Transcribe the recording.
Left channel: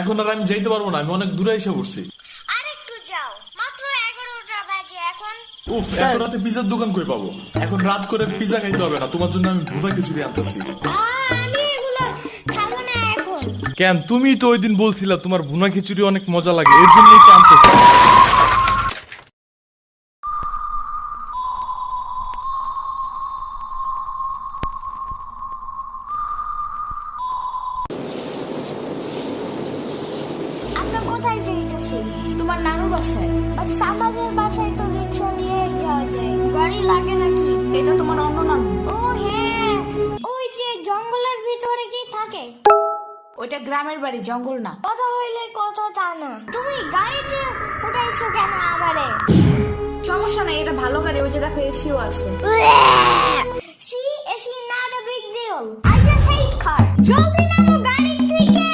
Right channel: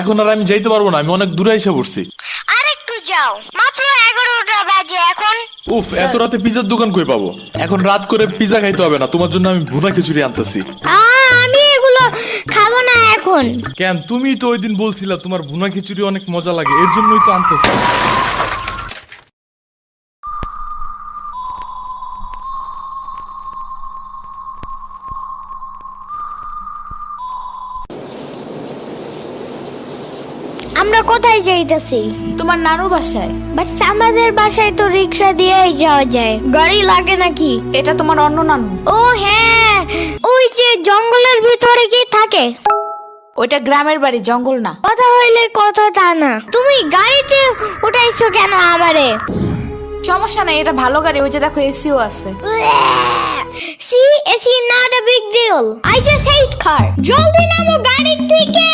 এখন আর আমি যাইতে পারবো না, আমি অনেক দূরে এসে পড়ছি। আরেকটু যাও, মাত্র 11টা বাজে এখন। উফ, এত রাতে পিজার দোকান কই পাবো? এখন রাত করে পিজা খাইতে হবে না, তোমার জন্য আমি ভুনা খিচুড়ি আনতেছি। আমি এগুলো খাবো না এখন। কেন? তুমি তো ওই দিন বলছিলা তোমার ভুনা খিচুড়ি অনেক মজা লাগে, এর জন্যই তো আনতেছি। আমরা কোথায় যাইতেছি? তোমার নানুর বাসায়। বাট আমাদের বাসায় তো রিক্সা দিয়েই যাওয়া যায়, গাড়ি লাগে নাকি? এটা তোমার অন্য নানু। ও হ্যাঁ, ওই যে জঙ্গলের ভিতরে কি থাকে? ওইটা গ্রামের বাড়ি, জঙ্গল না। কথা হইলে কথা তা না। তুমি গাড়িতে উঠাইছো কেন আমারে? সমস্যা নাই, এটা ভালো গাড়ি, ওই যে দেখো এসিও আছে। See, it's not a big deal. I just hate car. জলদি নামো গাড়ি থেকে।